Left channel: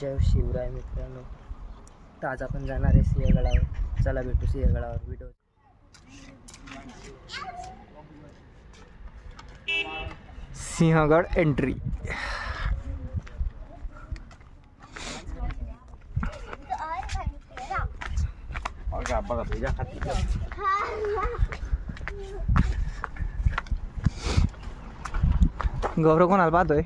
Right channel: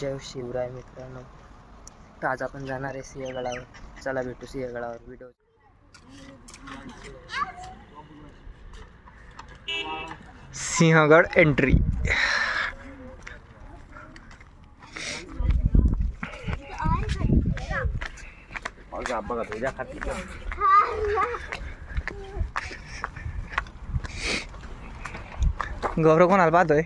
जय शिवराय मित्रांनो. तर आज आपण जाणार आहे सिंहगडावर. चला भेटू सिंहगडावर. Video Sinhagad entry. बघा तुझ्या खाती गौरव कोणाला पाहतोय?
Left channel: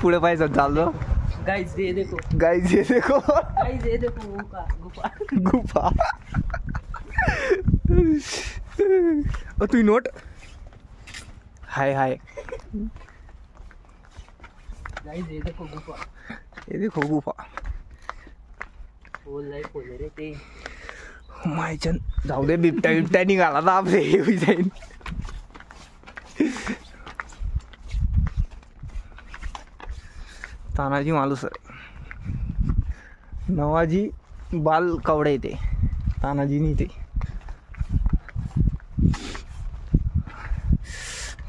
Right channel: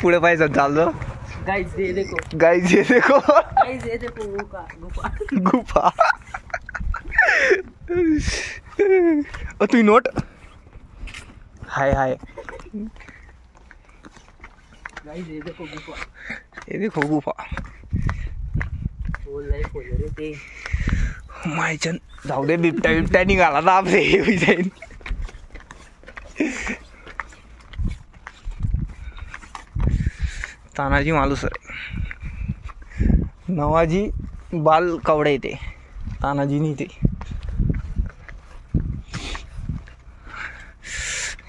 पुढे पाहिजे चाललो. गाइस ये देखो, गाइस ये देखो, गाइस ये देखो गुफा गुफा. तू नोट. हाय हाय. गाइस ये देखो गुफा. ये देखो गुफा. बोल नाही खोल रे ते. मायचन जाऊ दे. बिबट्या निघाला ना आपले जाईन. तानाजी मालुसरे. नवाजी बाल कवडे ते. तानाजी नाही ते.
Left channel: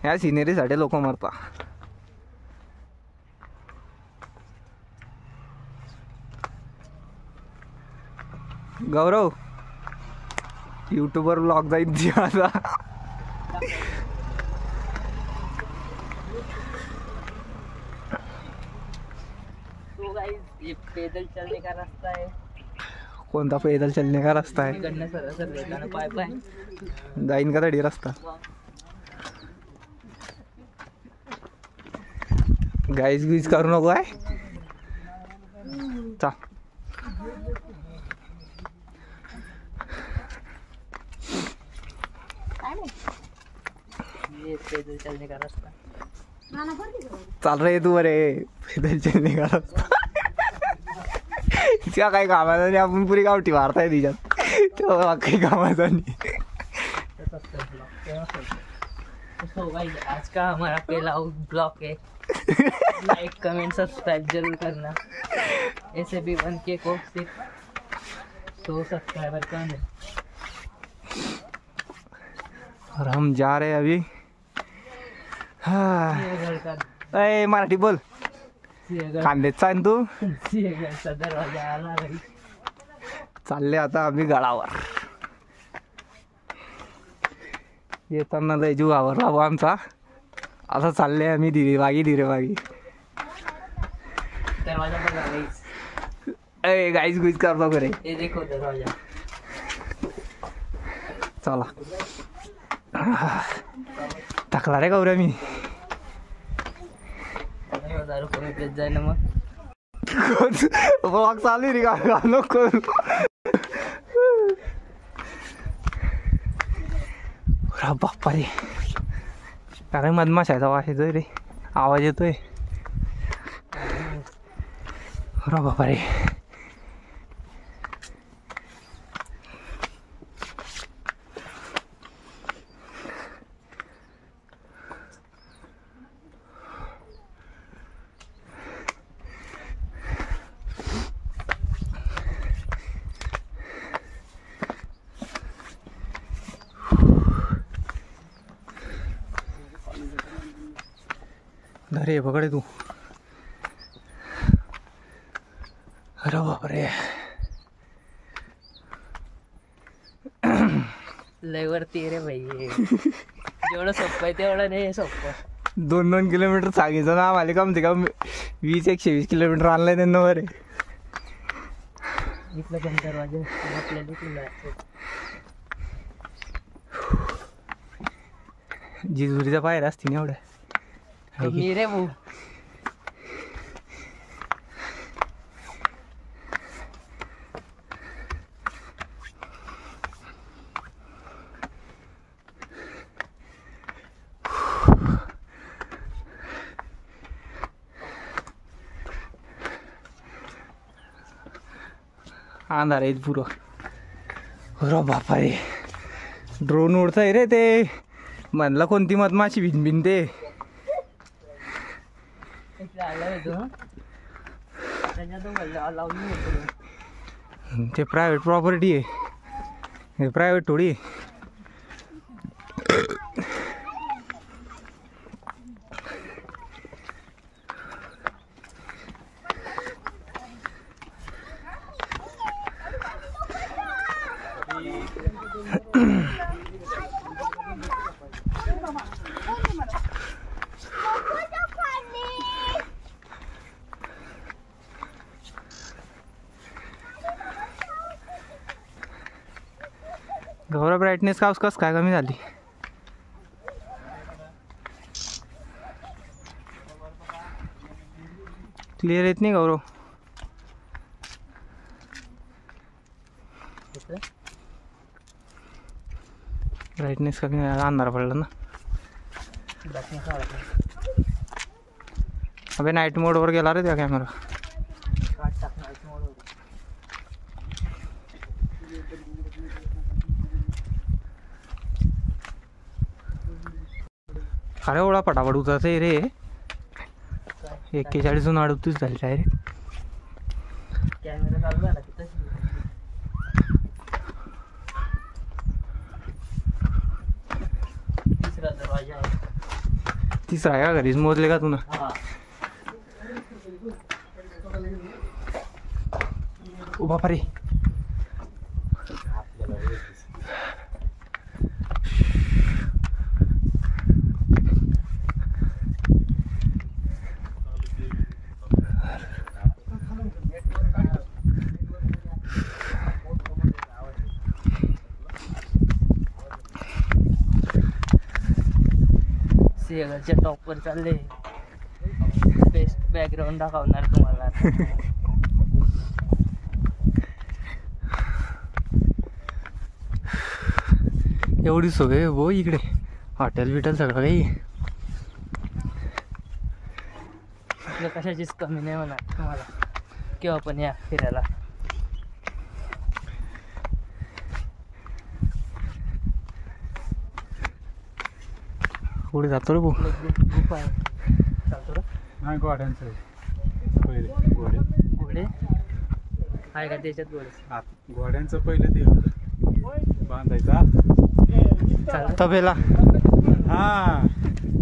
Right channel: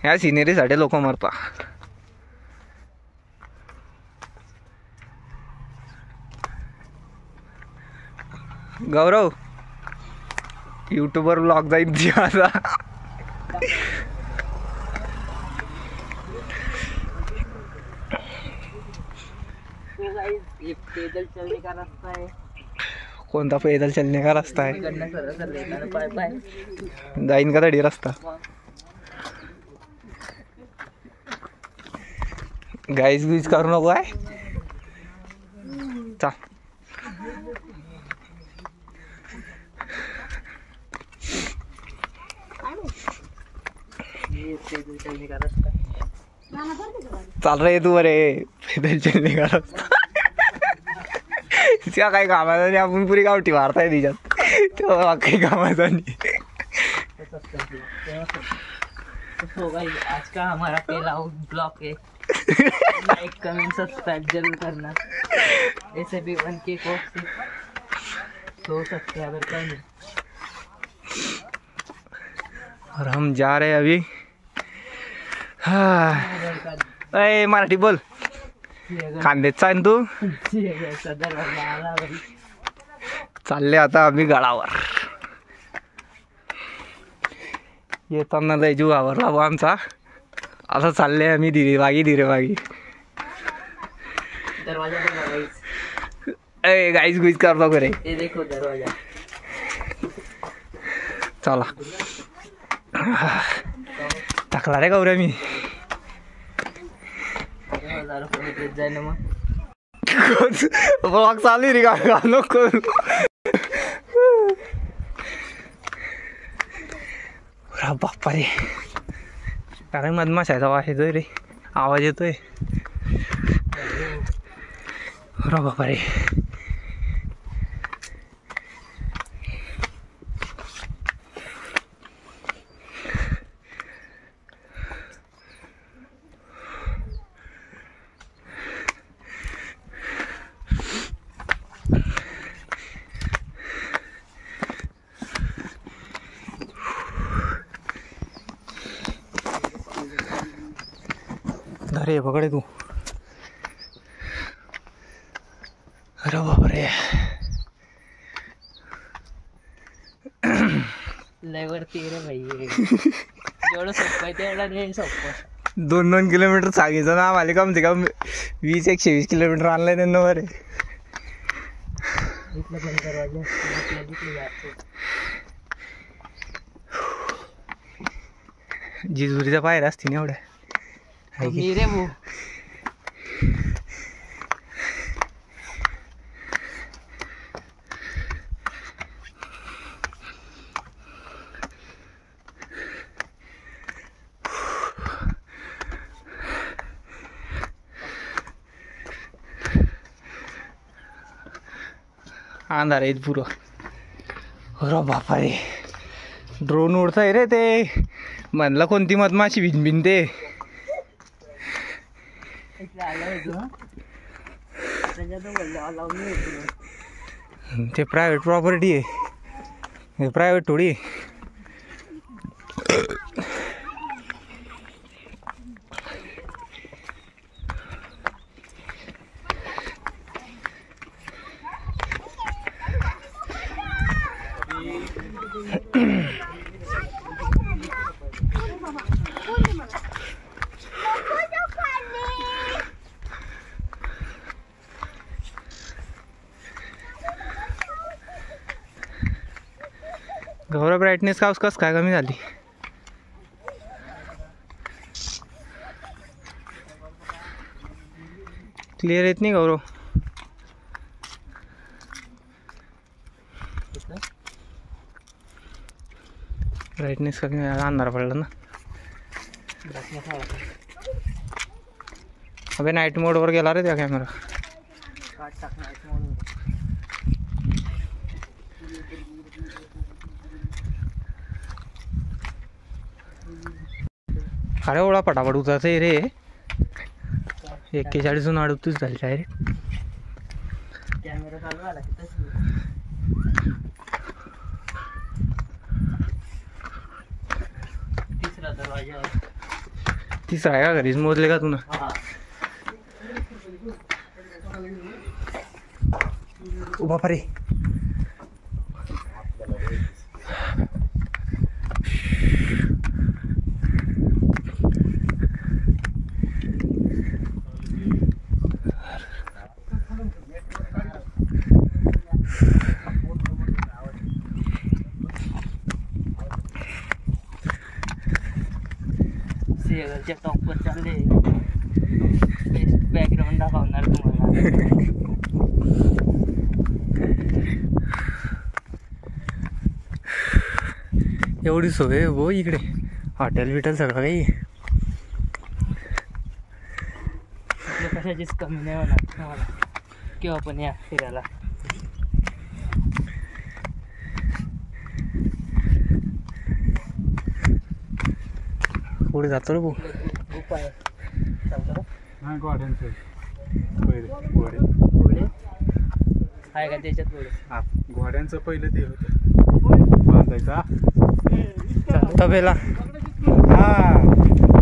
या सिनेरीसाठी लोक मरता. गौरव यूट्यूबर ब्लॉग जाईल माझा. ये पैदल चलने का रास्ता है. कोणता पैदल चलने का रास्ता है? पाय पाय जाईन का तडी रस्ता. गाईज गिज करू नको आहे. चा ये पैदल चलने का रास्ता. चाल रहे तू बरे. पैदल चलने का रास्ता. त्या काही कामाचा नाही. आपण पुरी गावठी मारताय तिच्यात. तेव्हा काही कामाचा नाही. तो गाइस आज का हमारा पहला ब्लॉग है. लाइक कमेंट सब्सक्राइब जरूर करना. ऐसे भी 1K को सिर्फ 100 सब्सक्राइबर कम है. और हम जा रहे हैं अभी. अय मराठी बोल. कांदेच चाल तू. दरवाजा आला भाई. चालले आता आम्ही गडावर. येताना लय जीव आवरला बा आमचा. आता चालले आम्ही धीरेवागी. दरवाजा बघा गाइस. अय गाईज गुईज करतो करे. ये देखो दरवाजा. चला टाकला रे गौऱ्या मी. 1000 रुपये देत जाय ना मग. ब्लॉग चालू रे का नको. बाप्पा रे. काय मधमाशाचा वास येतोय रे. आवाज येतोय. बाप्पा रे. अरे पकडे तू. अरे बापरे. लय वरती रे भाई. जेवढं सोपं आहे तेवढं नाही सोपं. 2 किलोमीटर सांगितलं ना आम्हाला. कम ते कम 20-120 किलोमीटर आणलंय त्यांना बरे. इथलं पण दरवाजा आपल्या तिथलं. जिजुरीच्या पायऱ्या असतील एवढ्या. मी रे भाऊ. अंधार आहे पुरं. अरे बापा रे. ड्रोन उडतंय रे ते. म्हणलं कोणती मधमाशी भिनभिन ते. ते प्रायव्हेट प्रॉपर्टी आहे. हे प्रायव्हेट थोडी. गौरव ब्राईटनेस का कस काय कमी झाली. क्लिअर येत नाही गौरव. ब्राईटनेस कमी झाला, अंधार पडला ना. अबे नाईट मोडवर गेला रे त्या कॅमेरा. अरे ओळा पटापट उतरत आहे रे. 41 38 झाली डायरेक्ट. कॅमेरा चालू झाला की तशी. तिसरा दरवाजा आहे. तिसरा आहे का घरीच मोजले का तुला. ओ बापा रे. सिंहगडच्या टॉपवर चालले. बेस्ट बॅकग्राऊंड दाखवणार तुम्हाला. एवढी सोय हो इकडे. हॉटेल बिटेल सगळं काही. आपल्या कशाचीच कमी नाही होणार तुम्हाला. केव्हा पण या फिरायला. पुढे जातो रे भाऊ. गुफा आहे. चालतं का? नाही घोड्यांचं पहिले घोडे घोडे आहे का त्याच्यात घोडे. घोड्यांचं पहिलं ते बांधायचा तबेला. हा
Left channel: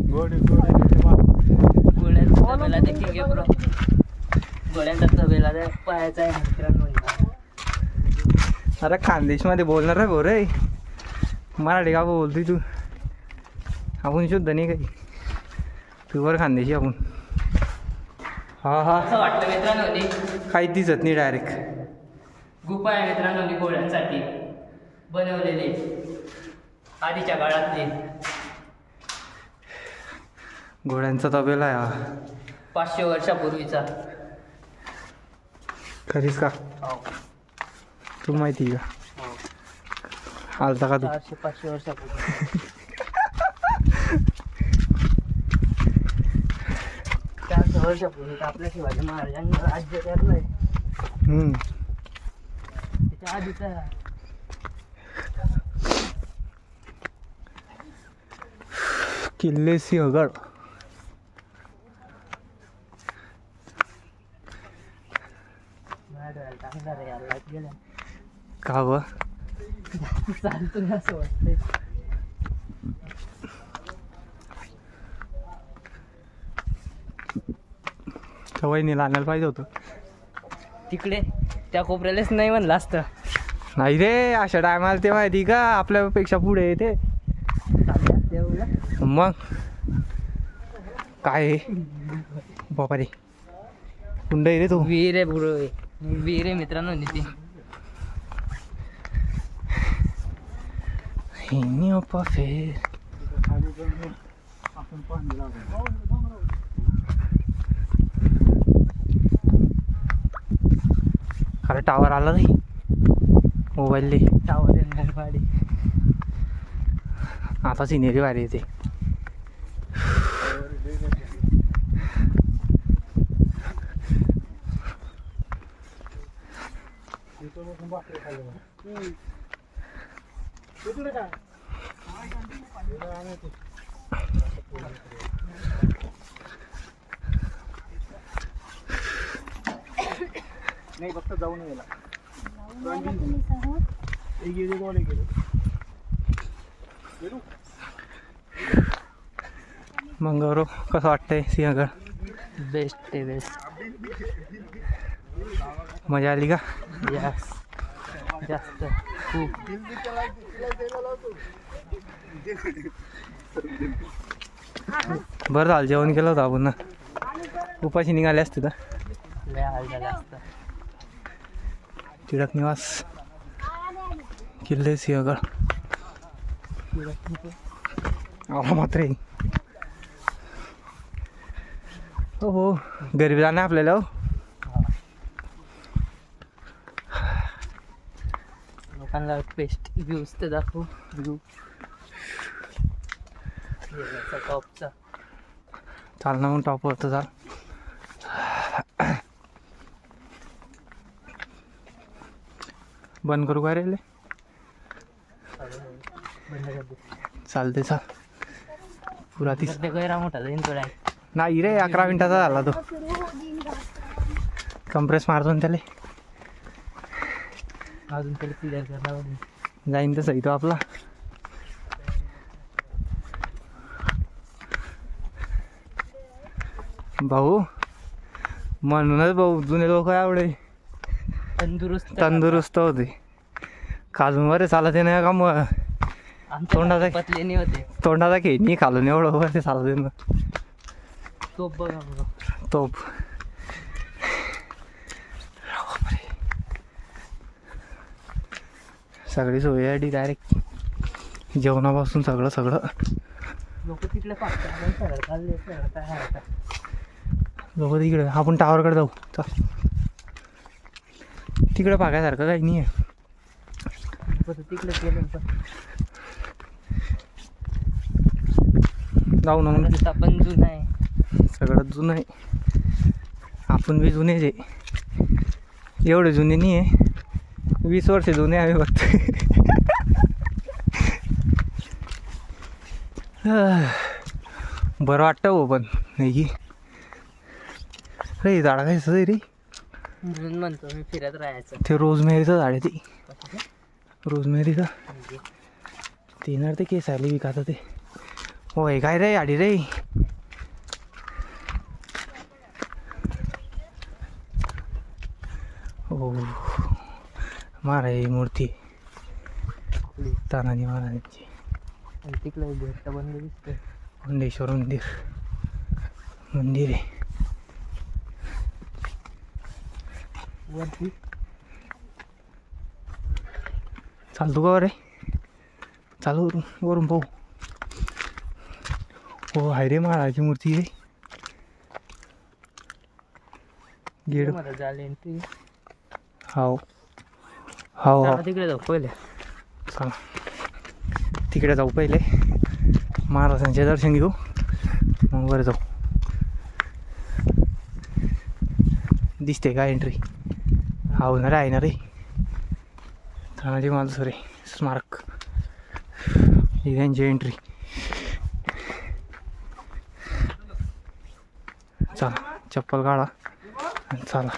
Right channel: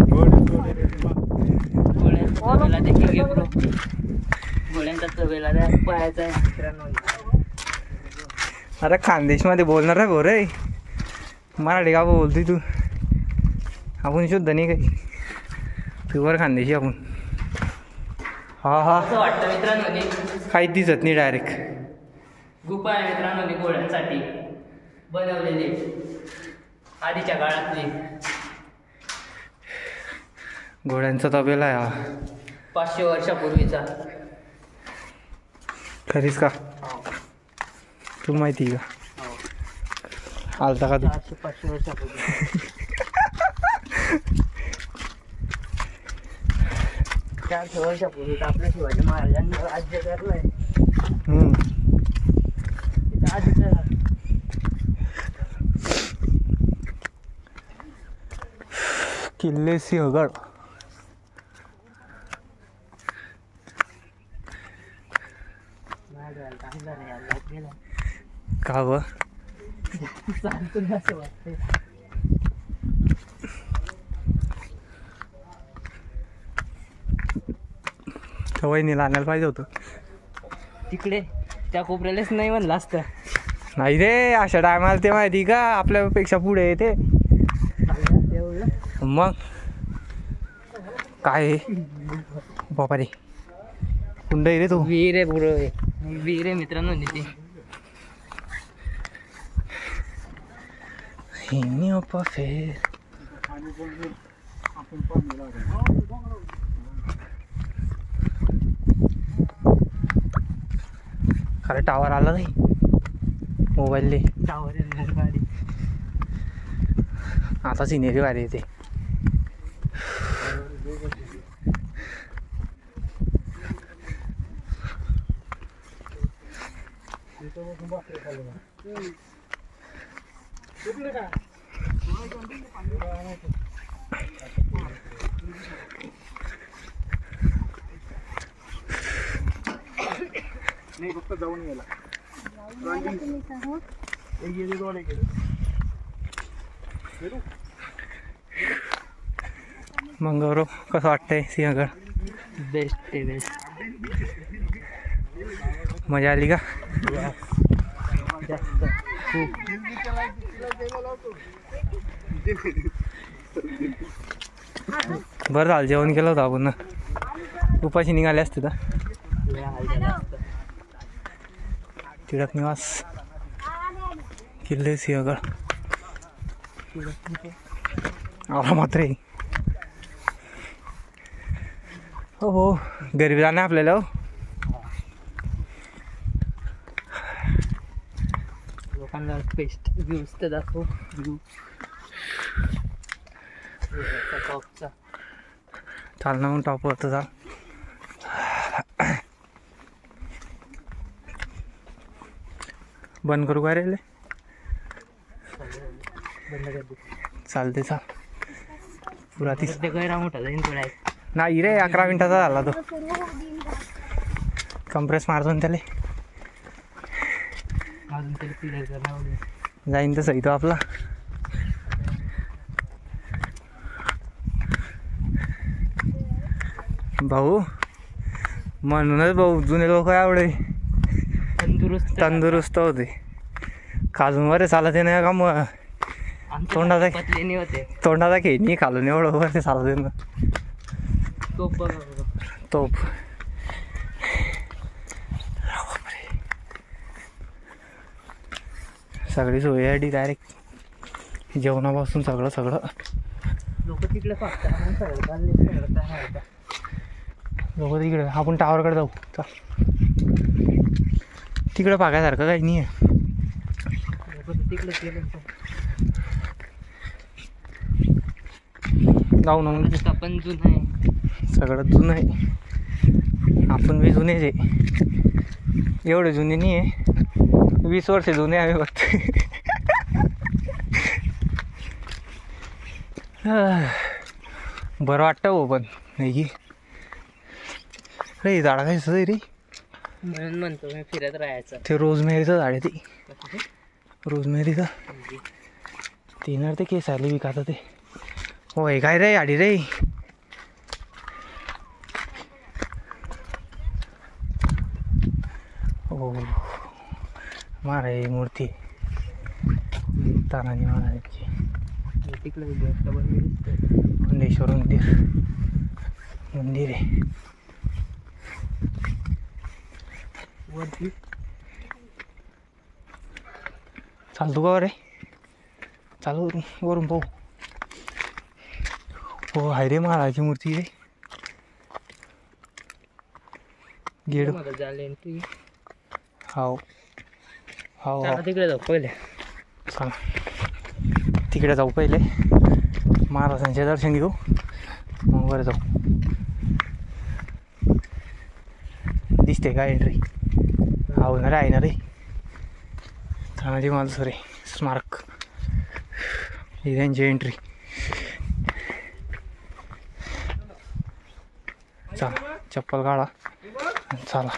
घोड्यांचा तबेला देखील घेऊन. घोड्यांचा तबेला त्या पायाचा आहे मित्रांनो. अरे खानदेशमध्ये बोलणार आहे भाऊ रे. मराठी का बोलतोय तू. आपण शुद्ध नाही काही. प्युअर खानदेशी आपण. हा हा असं वाटतं मित्रांनो. काहीच दिसत नाही डायरेक्ट. गुफा आहे मित्रांनो घोड्यांसाठी बनवलेली आधीच्या काळातली. घोड्यांचा तबेला आहे हा. 500 वर्षापूर्वीचा. खरीच का. तुला माहिती का. आलता का तू. 400-500 वर्षापूर्वी. 400 वर्षापूर्वी आपल्या शिवाजी महाराजांनी राज्य करलंय. त्याच्या आधीचा किल्ले सिंहगड. का व चालतो ना असं वाटते. वहिनीला आणायला पाहिजे होतं. तिकडे त्या कोपऱ्यालाच नाही म्हणलं असतं. नाही रे अशा टायमाला ते माहिती का आपल्यापेक्षा पुढे येते. मग काय बापा रे. कुंड आहे रे तो. वीर आहे पुढं. वीर आहे मित्रांनो. ती खरं टावर आला नाही मोबाईलले. टावर आहे गाडी. आता सिनेरी भारी येते. नाही फक्त जाऊन यायला. मंगळवार कसं वाटतंय सिंहगड? बेस्ट आहे बेस्ट. मजा आली का? जास्त खूप. बरं झालं जेवण केलं होतं आपण ना, उपाशी निघाले असते तर. लय हाल झालं असतं. टिळक निवास, किल्ले सिंहगड आला मात्र. हो हो गरीब जाणं आपल्याला. हो लोकांना बेस्ट व्ह्यूज तर दाखव. व्ह्यू टॉपचा. चाल ना मग टॉपवर तर चाल. बंद करू काय रे? बंद कर दे. चालते चाल. पुरा तीस गैरा मोठा जाईन थोडा. नाही रे 11 मिनिटाचा झाला तो. कंप्रेस मारतो ना त्याला. अजून तरी पिढ्याचा जाईन तर सही तो आपला. भाऊ म्हणूनच भाऊ जुने लोक आवडे तंदुरुस्त होते. काजून चालत नाही का मग तोंडाचा पतलेनी होते. तोंडाचा खेळणी खालून एवढं वरती चालत ना. तोप बघ तोप. सगळी सोय आहे डायरेक्ट जेवणापासून सगळं. लोक तिकडे पाहतात लोक तिकडे. आपण टावरकडे जाऊ चल. तिकडे पागायसारखं काही नाही आहे. तिकडे गेलं जाऊ ना मग. आपण जुनं आहे. सगळं जुनं आहे. आपण बी जुनेच आहे. एवढे जुने नाही आहे. 20 वर्ष जुने आम्ही फक्त. बरं वाटतं हो पण नाही रे. झाडा काय सर रे म्हणून म्हणतो मी फिरत राहायचं. ते रोजमेरीचं झाड आहे ते. रोजमेरीचं ते येणार ते केस आले विकायचं ते. होय काय रे आडी रे. हो महाराज मूर्ती तानाजी महाराजांची. तिकडे गोष्ट बनली दिसते. मुंडेश्वर मंदिर आहे वरती. चालतो का रे? चालू वरून पाहू. हो हाय रे महाराजांची मूर्ती आहे. गेड झाले. हो हो हो तिकडे जाऊ पहिले. चला तिकडे जाऊ पहिले. महाराजांचे दर्शन घेऊ मग वर जाऊ. दिसते का एंट्री? हा ना रे आहे ना रे. तानाजी मालुसरे स्मारक ही त्यांची एंट्री. चला चप्पल काढा चला.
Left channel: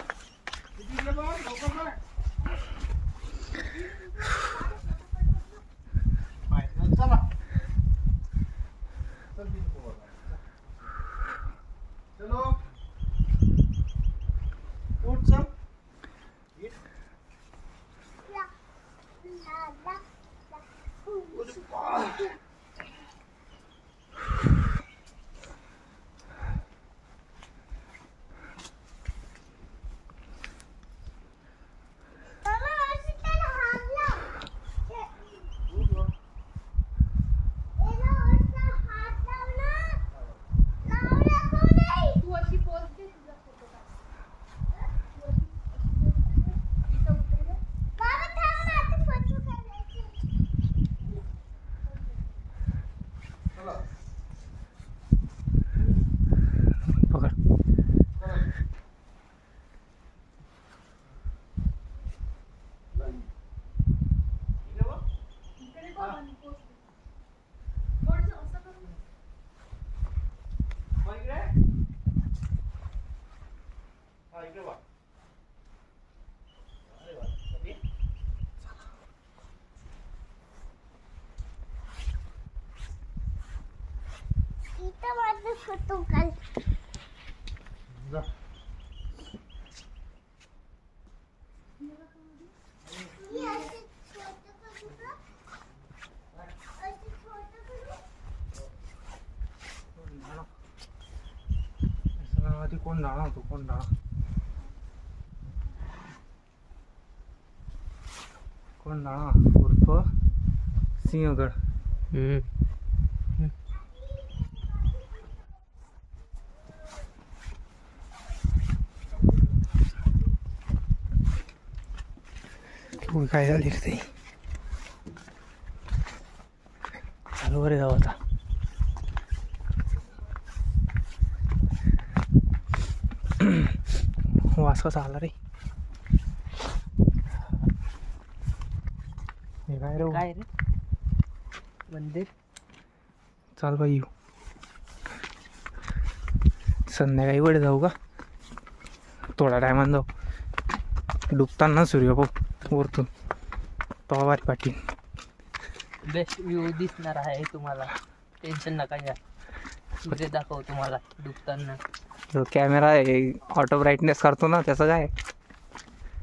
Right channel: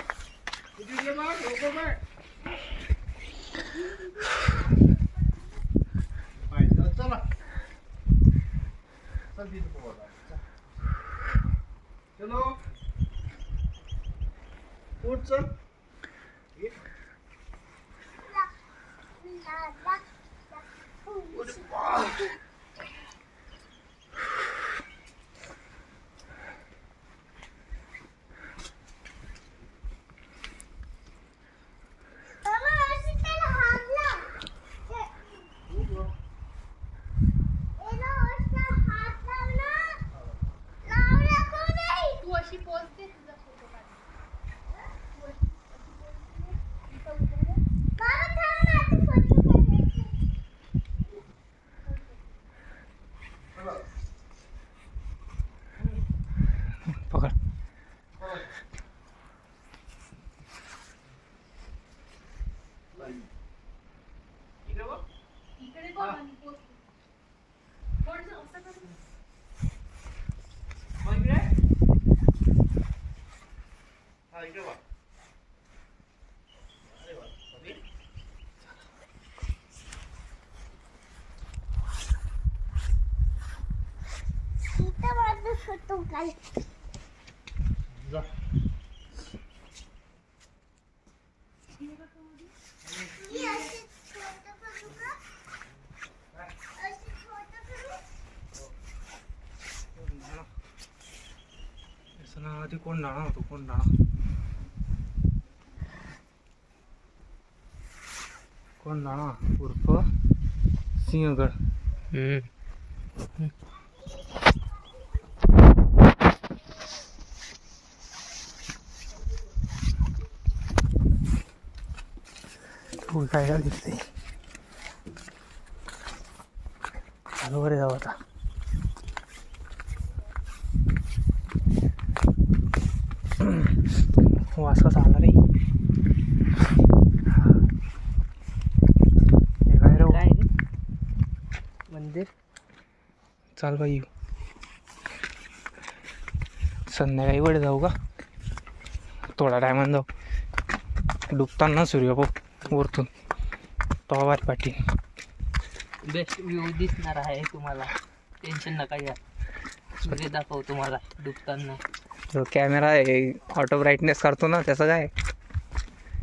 जा. ती कोंडाणा होतो कोंडाणा उर्फ सिंहगड. काय झाली ते चालू बरे जाऊ आता. वास कसा आला रे. काय रे काय रे मंदिर. चाल बाई येऊ संध्याकाळी वर जाऊ का. थोडा टायमान जाऊ डुबताना सूर्य पाहू वरतून तो वाट पाठी. बेस्ट व्ह्यू दिसणार आहे तुम्हाला. टेन्शन नका घ्या. सूर्य दाखव तुम्हाला डुबताना. जो कॅमेरा आहे ऑटो ब्राईटनेस करतो ना त्याचं काय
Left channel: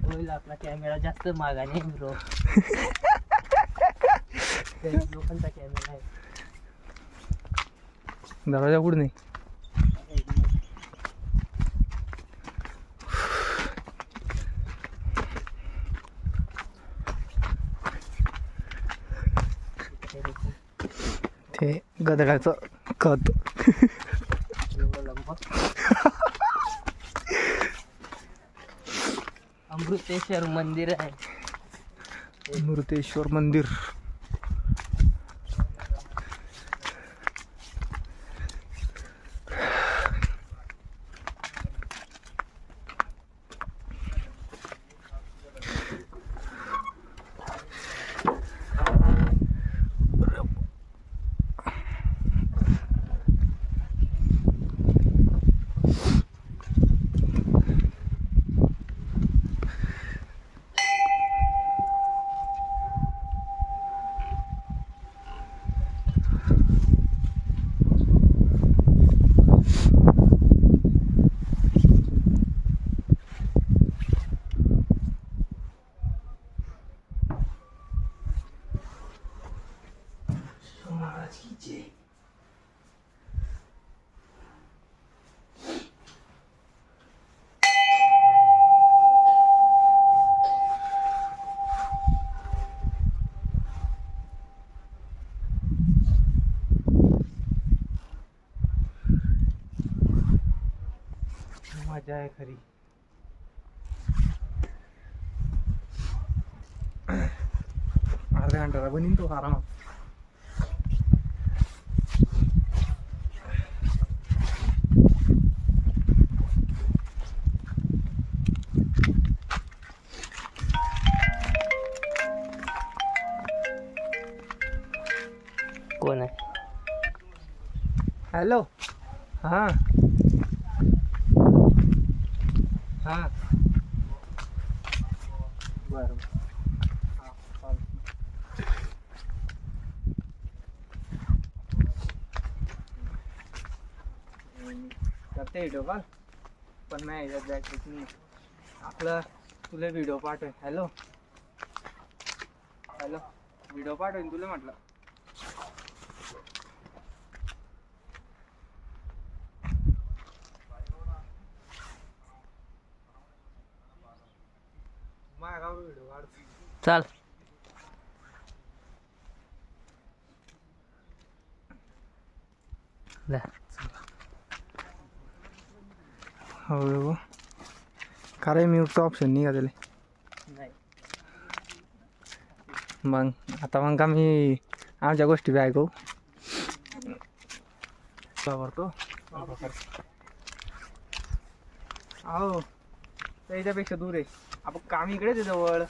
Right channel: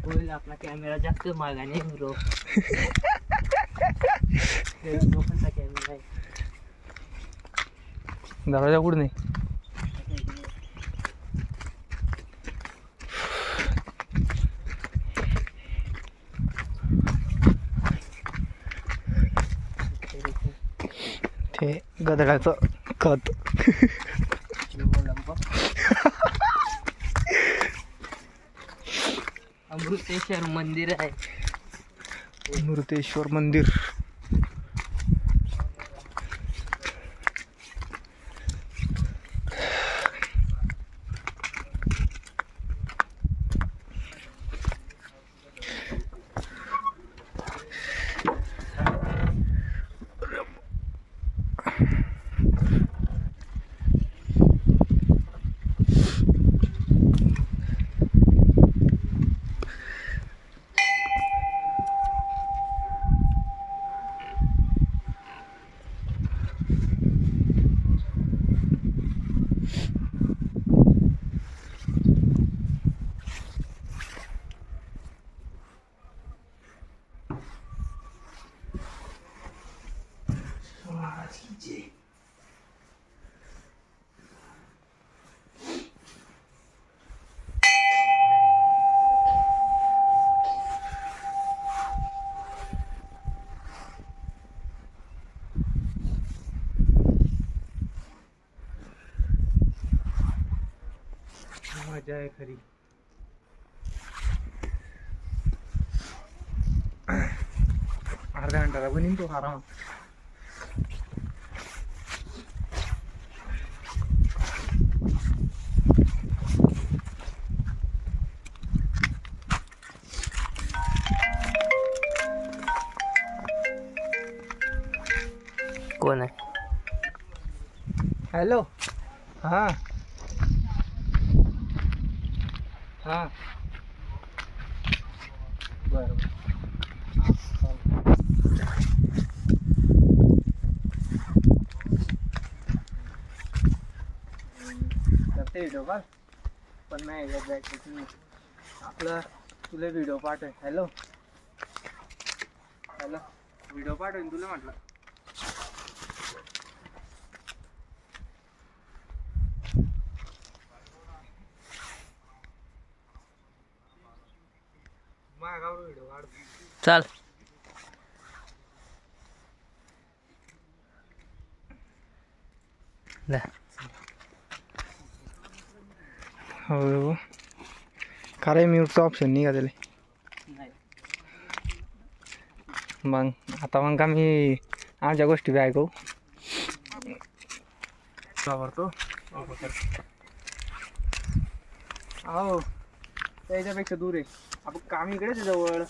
होईल. आपला कॅमेरा जास्त महागाने ब्रो. लोकांचा कॅमेरा आहे. दरवाजा कुठं नाही. ते गदडाचं खत. अमृतेश्वर मंदिर आहे. अमृतेश्वर मंदिर. मजा आहे खरी. अर्ध्या घंटाला बनीन तो आरामात. कोण आहे. हॅलो. हां हां बरं करते व्हिडिओ कॉल पण नाही याच्यात बॅटरीच नाही. आपलं तुला व्हिडिओ पाठवेन. हॅलो हॅलो व्हिडिओ पाठवेन तुला म्हटलं. चाल. हो का रे म्यूटचा ऑप्शन नाही का त्याला. मग आता मग का मी आमच्या गोष्टी बी ऐकू वापरतो. अहो त्याच्यापेक्षा दूर आहे. आपण काम इकडेच आहे जवळ.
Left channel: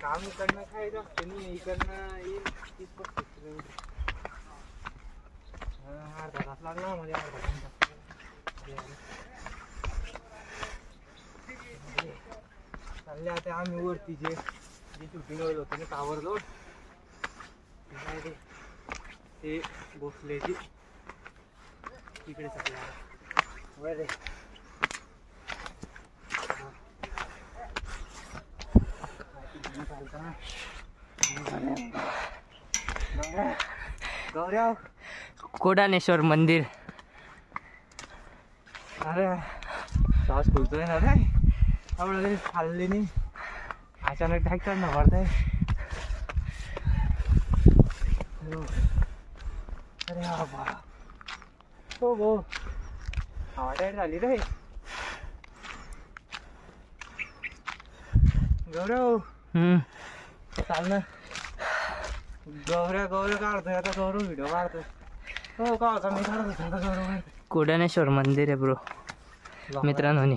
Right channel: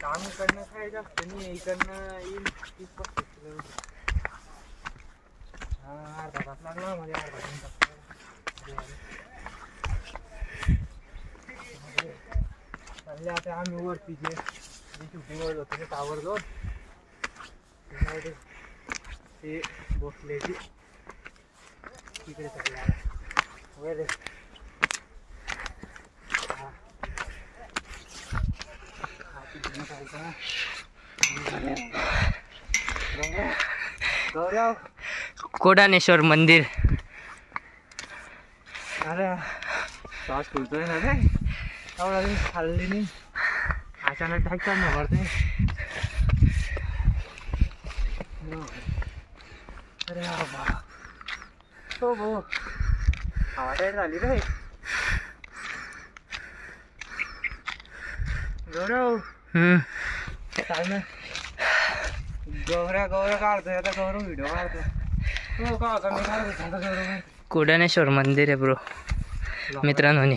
काम इकडनं काय जास्त नाही. इकडनं येईल 30-35 किलोमीटर. अर्धा तास लागला म्हणजे अर्धा तास. चालले आता आम्ही वरती जे शूटिंग होत होतं ना टावर जाऊन ते भोसलेची तिकडे वर गौरव कोडानेश्वर मंदिर. अरे श्वास फुलतोय ना रे, एवढा दिवस खाल्ली नाही, अचानक ढाकतात ना पडते. अरे बाबा हो हो हवा टाईट झाली रे. गौरव चाल ना, गौऱ्या काढतोय आता, गौरव व्हिडिओ काढतोय. हो का आता मी काढत होता आता गौरव. कोडानेश्वर मंदिर आहे ब्रो मित्रांनो.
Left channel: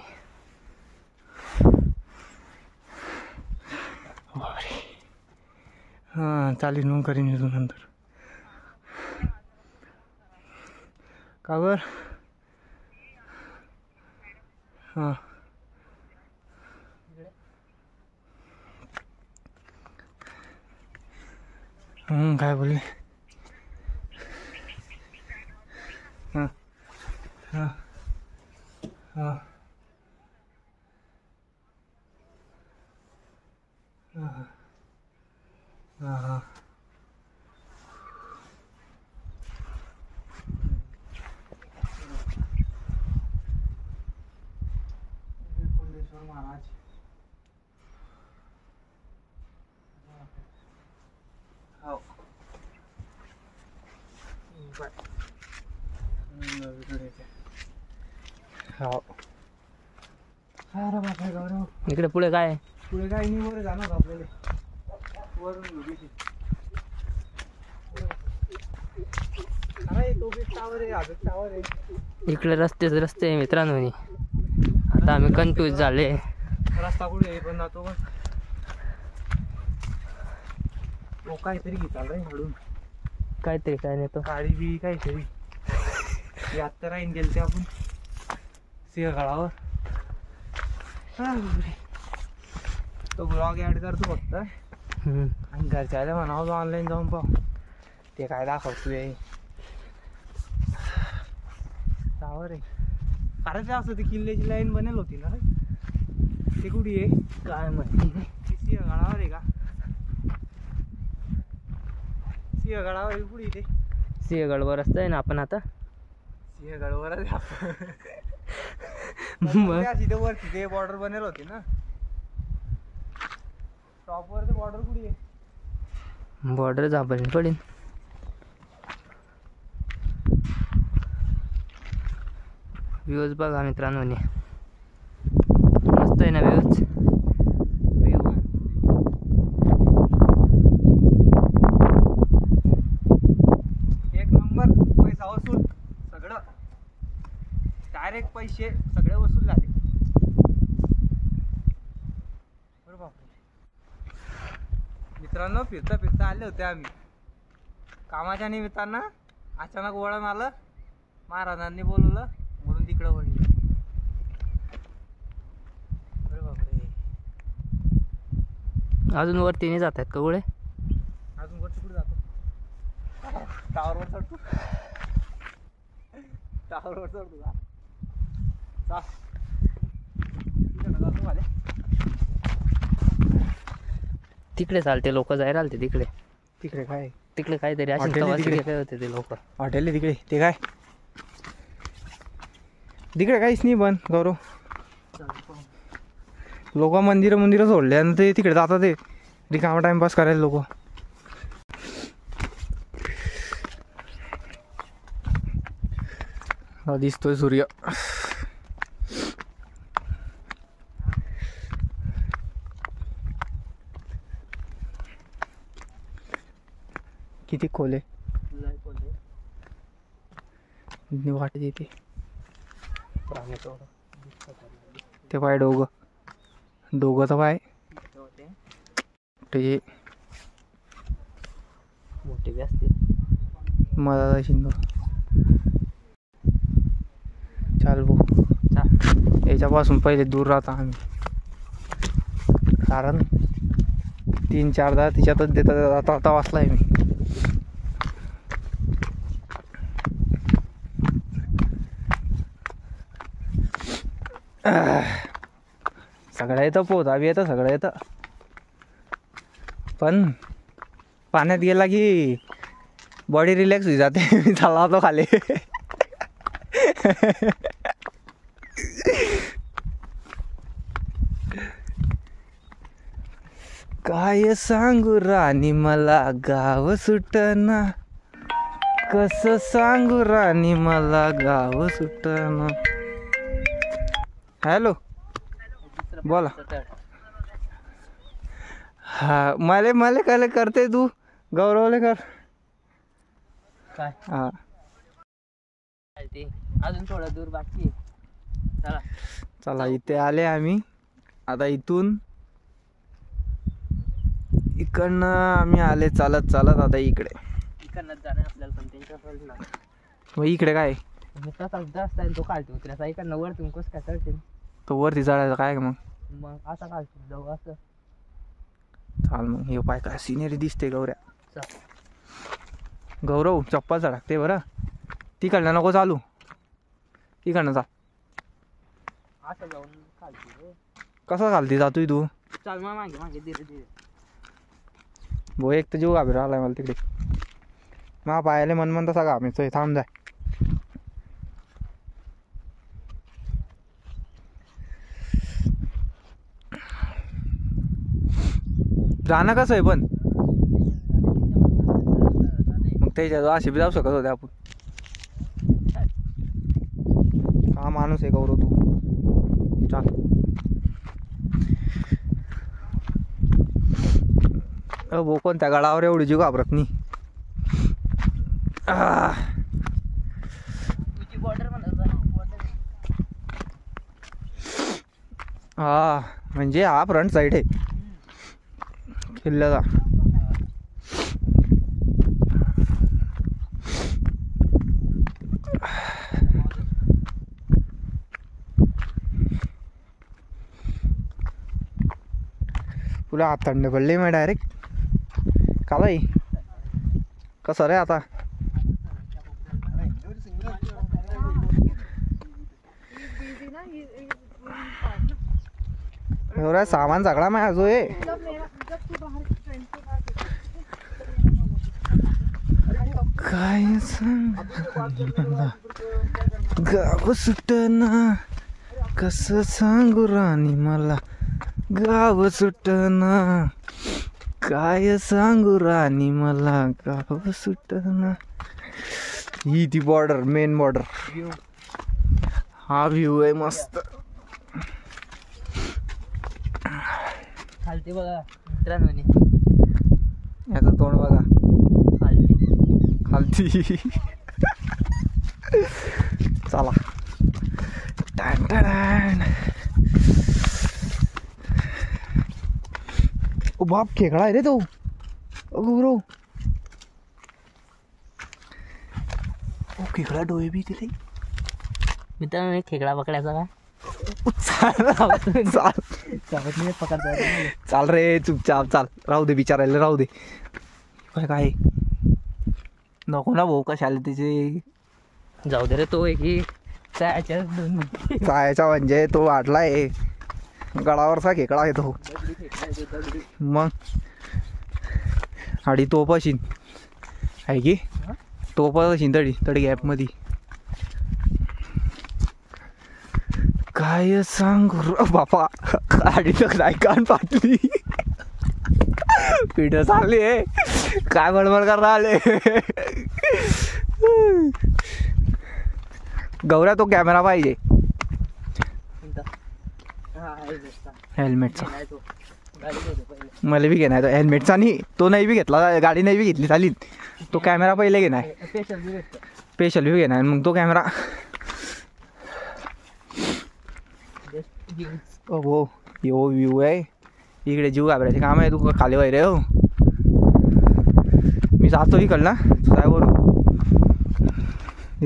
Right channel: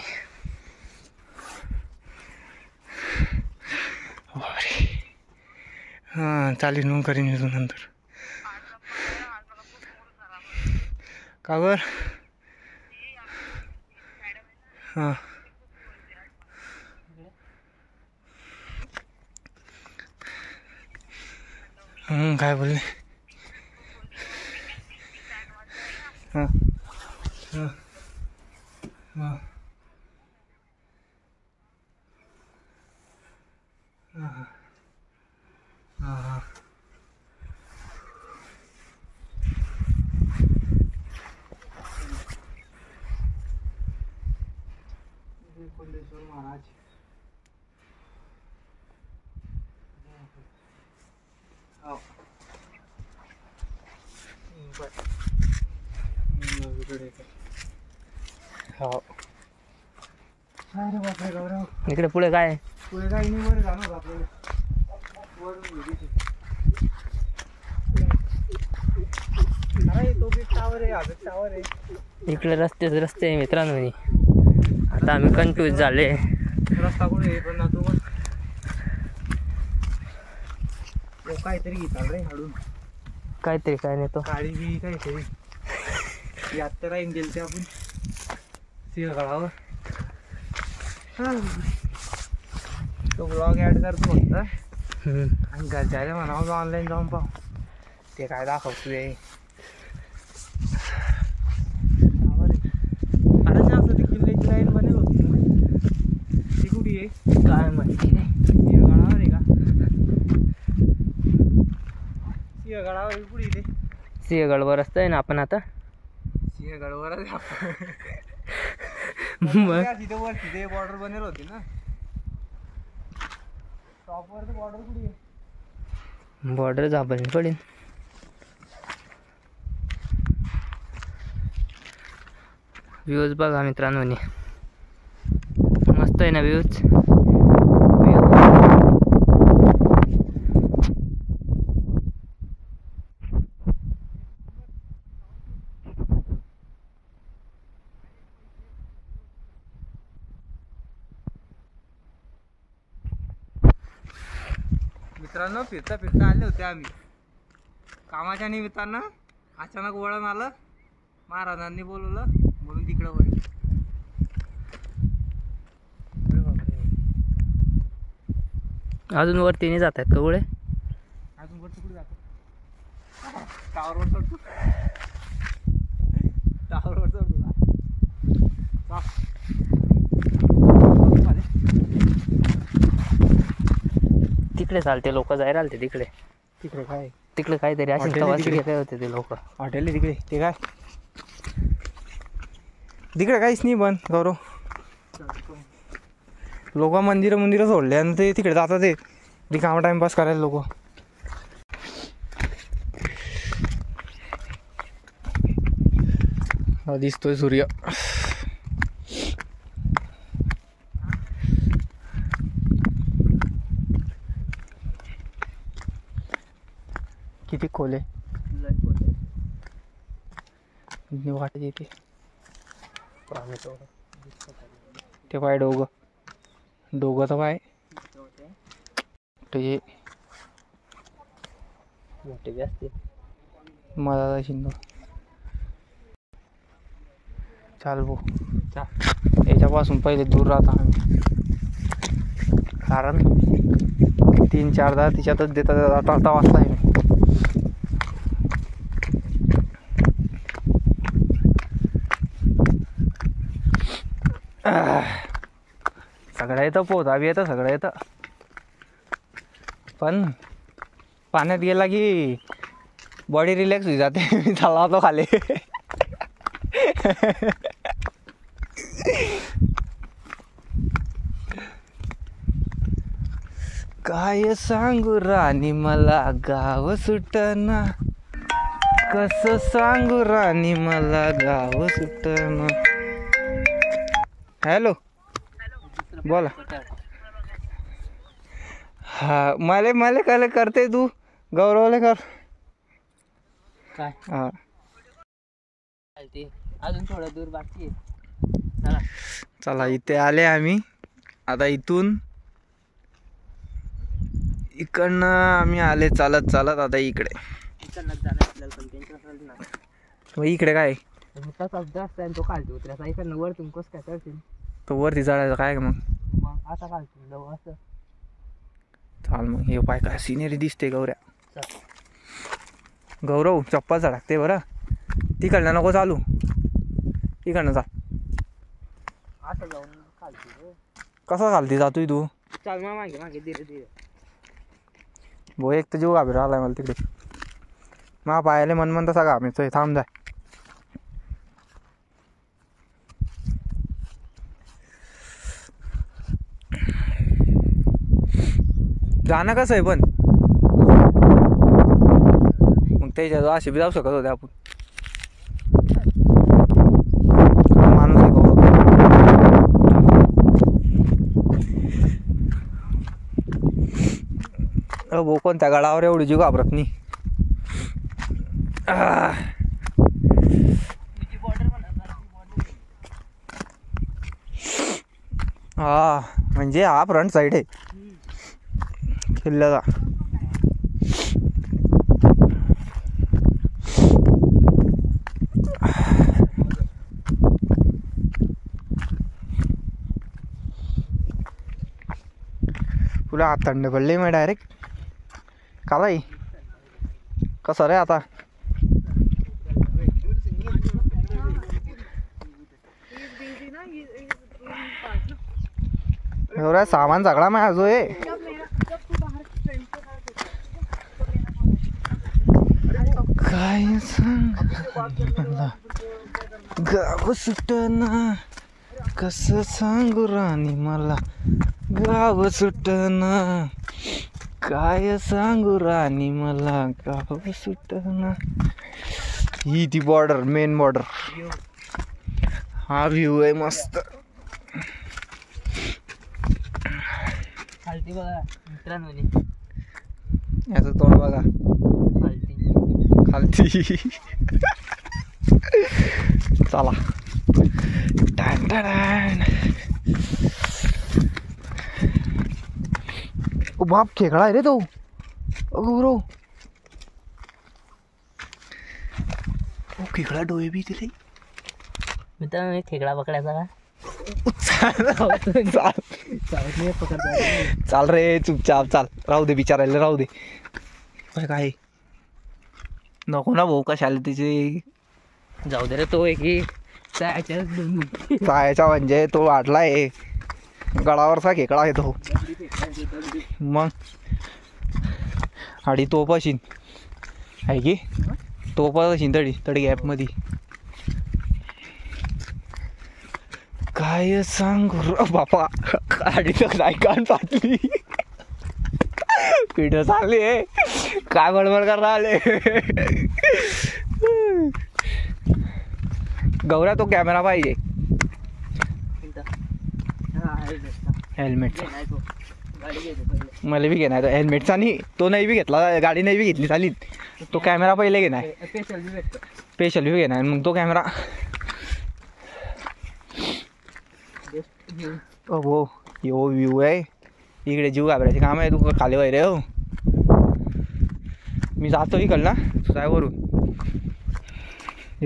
हां चालेल मग करीन मी नंतर. का बर? हां काय बोलले? हां हां हां हां हां हां कुंडेश्वर महाराज. हो हो अरे बापरे गौरव, इकडे पुढे काय आहे? पुढे काही नाही, वर जाणार आपल्याला, वरून अरे तो बी टावर आहे, अजून टावर आहे. इकडे रस्ते आहे मित्रांनो. आता आम्ही कन्फ्यूज झाले, रस्ता कुठे आहे पण तो पण काहीतरी घेताल रे हाडून, काहीतरी काय नाही तो काळी बी काहीतरी. यात तर राहीन गेल ते आपण सिंहगडावर. तो ब्लॉग ॲड करतो फक्त, आणि घरच्याला म्हणावं ऑनलाईन जाऊन पाहू ते काय दाखवतो ते. टावर आहे. अरे ते असं ती किल्ल्याची लाईन बनेल होती ना, ती कुठे आहे काय माहिती नाही. सिंहगडावर आहे का? सिंहगडावर आहे कुठे ते? सिंहगडवर असतंय ना आपण आता. सिंहगडवरच मग तिथे वरती ते बॉर्डर बनेल होती ना, टॉपवर ते बॉर्डर कुठे आहे? बॉर्डर झाबळणी पडेल. व्ह्यूज बघा मित्रांनो, मस्त आहे ना व्ह्यूज. एक नंबर पैसा वसूल सगळं, डायरेक्ट पैसे सगळे वसूल झाले. बरोबर मित्रांनो, फिरता आले होते आम्ही कामाच्या निमित्तानं. अचानक वळण आलं, महाराजांनी बोलवलं म्हणून तिकडं वळली. अरे बापरे, अजून वरती नाही जात आहेत का गोळे? अजून वरती कुठे जातो? टावरवर चढतो, टावरवर चढतो का? तिकडे चालते लोक, जायला आलते तिकडे. तिकडे काय? तिकडे काहीतरी अशी हॉटेल आहे तवासी तिकडे. गेले होते ते लोक. हॉटेल आहे तिकडे, ते काय तिकडे काहीच नाही बंद गौरव. लोक मंदिरं सोडले आणि ते तिकडे जातात, ते रिकामा टाइमपास करायला लोक. दिसतोय सूर्य. किती खोल आहे वाटत येते ते पाय डोगं तर पाय त्याचे मोठे बी असते. मला शिंद चाल भाऊ, याच्यापासून पहिले दूर राहता आम्ही, कारण 3-4 तिच्यातच देतात. आता वाचलाय नाही. सगळं येतं, पोहता बी येतं, सगळं येतं, पण पाण्यात गेला की बॉडी रिलॅक्स होई जाते. मी चालला होतो खाली. काय सांगू राणी मला गाव सुटना, कसं सांगू राणी मला गाव सुटना. हॅलो, बोला. हा, मला काय करते तू, गौरवले कर काय हा. ते अजून थोडं दूर बाकी आहे. चला चला, इथे आले आम्ही. आता इकडनं आम्ही आले चालत चालत. आता इकडे इकडनं जाणं आपल्याला पण त्यांच्याकडे ना. मग इकडे काय मी तसाच जास्त आहे तो काढतो उतरायचा. इकडनं वरतून कसं काय करतील तो वरती चढायचं काय मग. मग आता काढतो जाऊ असं. चाल मग. हे पाय काय सिनेरी दिसते गौऱ्या. चल. गौरव चप्पल चढकते बरं. तिकडनं नको चालू, तिकडनं चाल. असं जाऊन काढतो. कसा चालते जातोय तू. चाल मग मागे मागे धीरे धीरे. भो एक तर जीव घाबरा आलाय मला तिकडे. मा पायाले मन तसा घामायचोय. थांब जाय. जाणं कसं आहे पण मग त्याच्या अशी बी जाऊ शकत होते आपण. माणूस आहे गौरव. भाऊ कोणत्या गडावर एवढी जीव घाबरत नाही. हा म्हणजे हा फ्रंट साईड आहे किल्ल्याचा. तुला हात थंड पडले मग डायरेक्ट कालाय कसं रे आता. एवढा सामान सगळा माझा जो आहे. काय सांग गाव सुटना, कसं सांगू राणी मला गाव सुटना, काय सांगू राणी मला गाव सुटना. ही ती बॉर्डर, मेन बॉर्डर. हा व्ह्यू आहे मस्त. खालती बघा मित्रांनो, याचं तोंड बघा खालती. चला. Tan tan. ओ बाप, खेकडा आहे रे तो. गौरव, ओ खेकडा डोळे बी दिले. मित्रांनो खेकडा पकडायचा का. चाल रे चुपचाप चाल. राहू दे बिचारायला, राहू दे. काय नको ना भाऊ, कशाला तिचे. जाऊ दे रे. तो एक चायचा म्हणजे तो वाढलाय गडावरचा खेकडा आहे तो. मग आणि तोप अशीन आहे की तोप अशीन तडी गॅपमध्ये. काय सांगू बापा, गाडी काय कान फाटली. पिढं चालली आहे काय बडबड करता आले. गौऱ्या तो कॅमेरा पाहिजे. हेल्मेटचा मला बी घेणार. हेल्मेटचा नाही, तो नाही बी घेतला, गाडी नाही बी घेतली चालील. तो कॅमेरा पहिले घेणार, स्पेशल बी घेणार. मग तो कॅमेरा हो. यो व्ह्यू आहे इकडे. जीव घाबरायचे काम आहे. तू खाली वय रे. हो मी जातो इकड ना काय करू.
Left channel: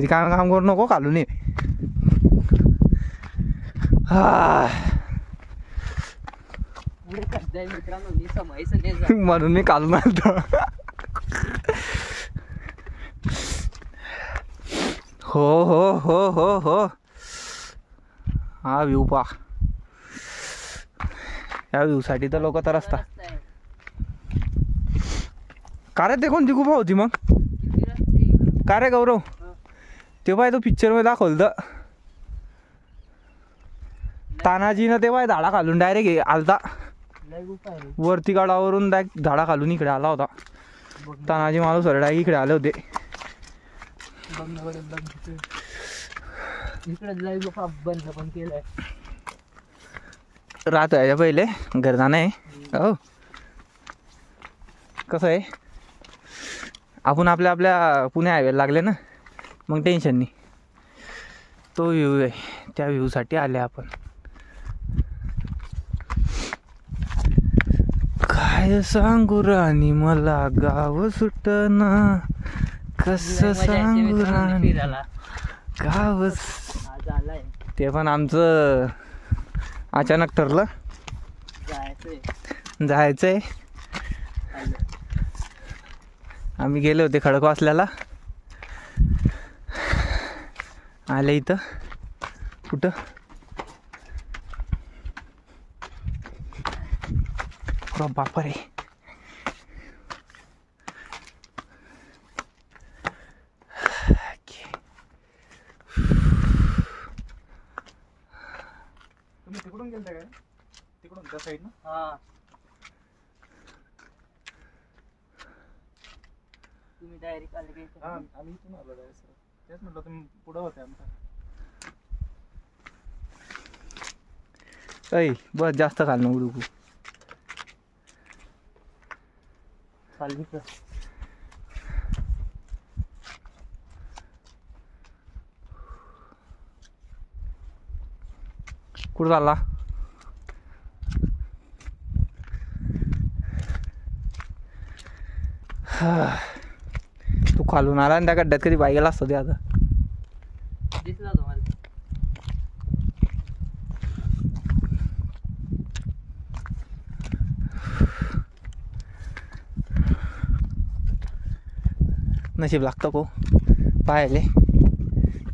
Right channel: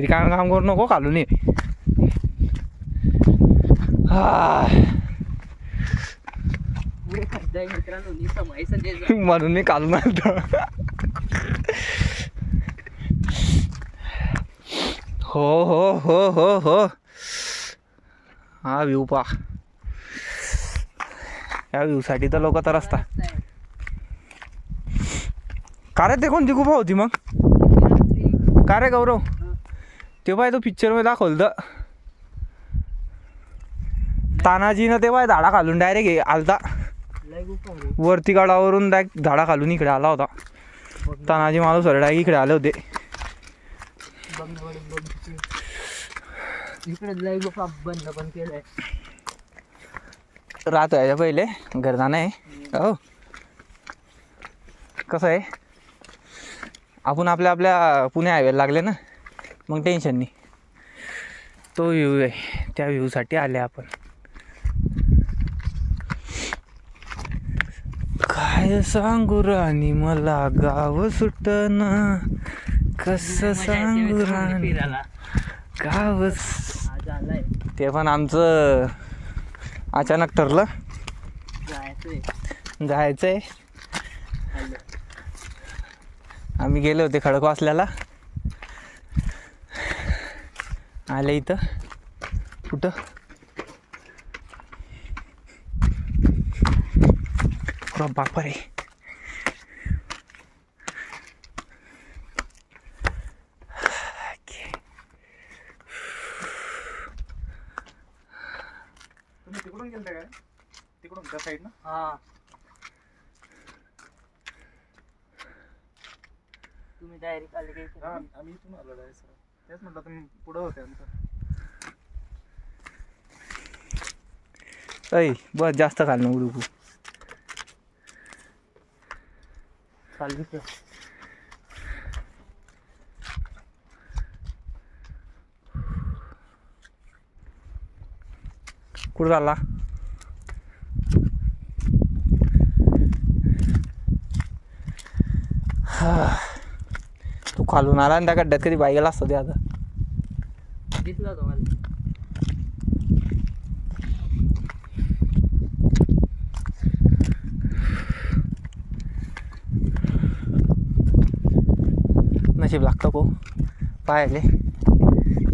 काम काम करू नको खालून ये. म्हणून मी काढून आलतो. हो हो हो हो हो. हा व्ह्यू पा, या व्ह्यू साठी तर लोक तर असतात. रस्ता आहे. का रे ते कोणती गुफा होती मग? का रे गौरव, ते पाय तो पिक्चर मध्ये दाखवलं तर तानाजीनं ते पाय झाडा खालून डायरेक्ट आलता लय गुफा आहे रे. वरती गडावरून डायरेक्ट झाडा खालून इकडे आला होता. बघ ना, तानाजी माणूस डायरेक्ट इकडे आले होते. बघ ना, बघ ना, बघ. इकडे लय गुफा बंद पण केलंय. रात आहे पहिले घरदा नाही. हो कसं आहे, आपण आपल्या आपल्या पुणे हायवेला लागले ना, मग टेन्शन नाही. तो व्ह्यू आहे, त्या व्ह्यूसाठी आले आपण. काय सांगू राणी मला गाव सुटना, कसं सांगू राणी फिरायला गाव. आज आलाय, ते पण आमचं अचानक ठरलं जायचंय. आलो. आम्ही गेले होते खडकवासल्याला, आले इथं कुठं बापा रे. तुम्ही तिकडून गेलता का? तिकडून त्या साईड ना. हा, तुम्ही डायरेक्ट आले की हा आम्ही इथून आलो डायरेक्ट. तेच म्हटलं तुम्ही पुढं होते आमचं. ऐ बस जास्त खाल नको डुकू. चालली का? कुठं चालला? तू खालून आला आणि त्या गड्ड्यात कधी बाई गेला असतं ते आता. दिसला तुम्हाला? नशीब लागतं को पाहिले.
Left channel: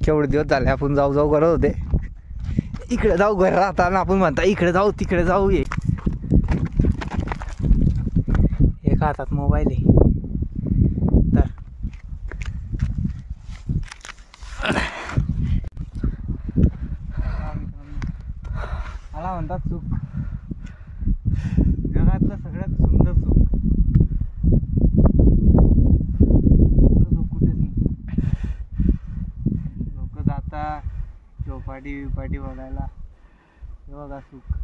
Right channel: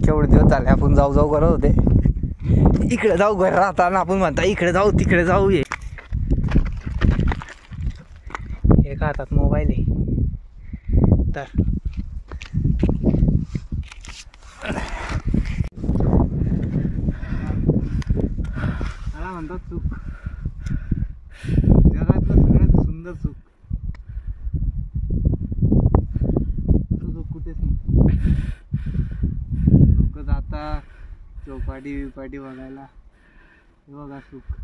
केवढे दिवस झाले आपण जाऊ जाऊ करत होते, इकडे जाऊ घर राहताना आपण म्हणता इकडे जाऊ तिकडे जाऊ. ये एका हातात मोबाईल आहे तर मला म्हणतात चूक, जगातलं सगळ्यात सुंदर चूक. चूक कुठेच नाही. लोक जातात चौपाटी बिपाटी बघायला, हे बघा सुख.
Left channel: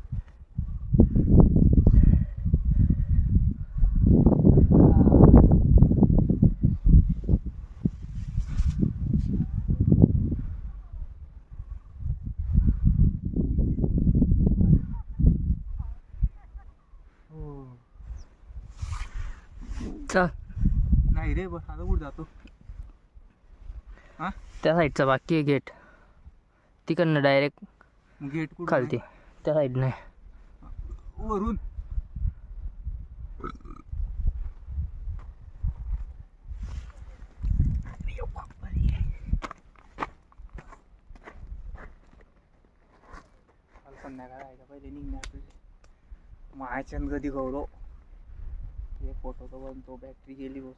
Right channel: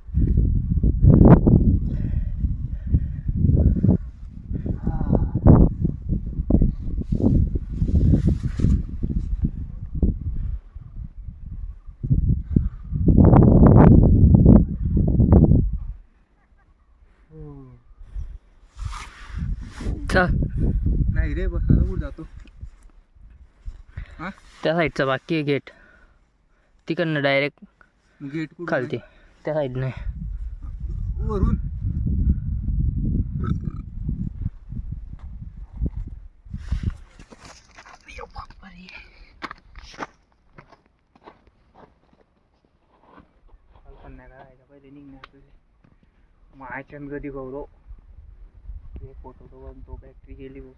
चल, नाही रे बस आता कुठं जातो. त्या साईडचा बाकी आहे गेट, तिकडनं डायरेक्ट गेट कुठं खालते त्या साईडने. वरून संध्याकाळायच्या पहिले निघण्याचे मायच्या कधी गौरव एक फोटो तो बनतो, बॅटरी गेली बस.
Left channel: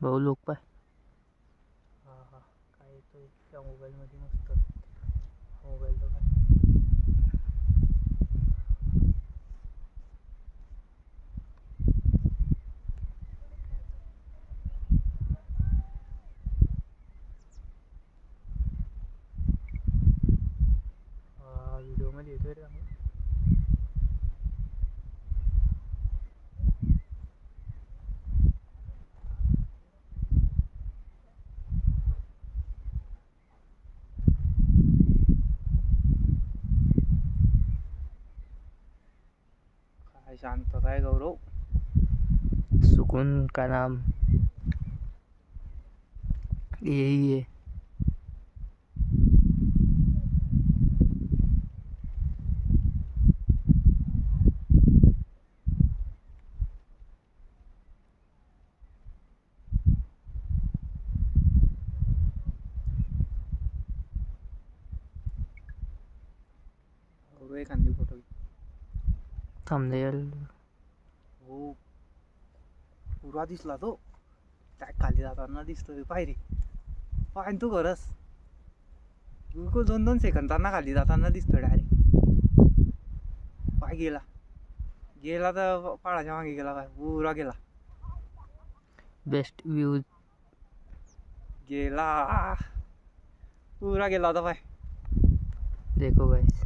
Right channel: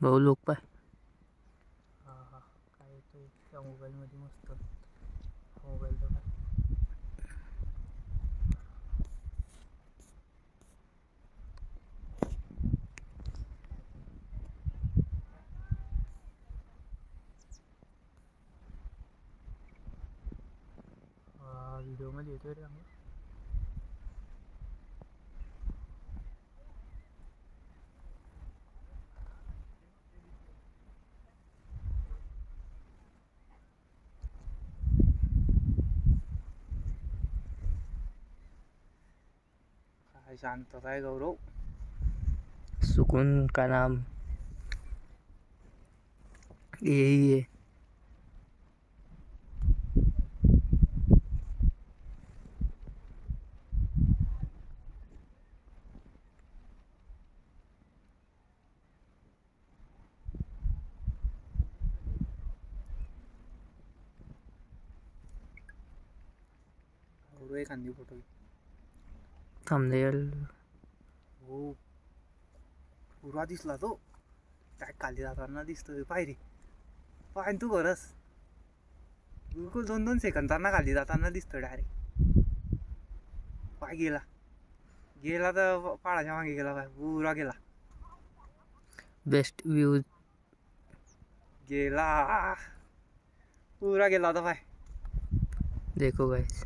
भाऊ लोक पाय. हा हा काय येतो त्या मोबाईलमध्ये मस्त मोबाईल तर काय. व्हिडिओमध्ये येतोय रे आम्ही. काय शांतता आहे गौरव. सुकून का नाम यही है. गौरव एखादी फोटो थंबनेल हो. पुरा दिसला तो. काय खाली जाताना दिसतोय. पायरी पाय तू खरंच बिलकुल 2-2 सेकंदांना खाली जाताना दिसतो डायरेक्ट. पाय गेला गेला तर पाळाच्या मागे गेला. पाय पुरा गेला. बेस्ट व्ह्यूज गेला पुरा गेला होता. पाय देखो गाइस,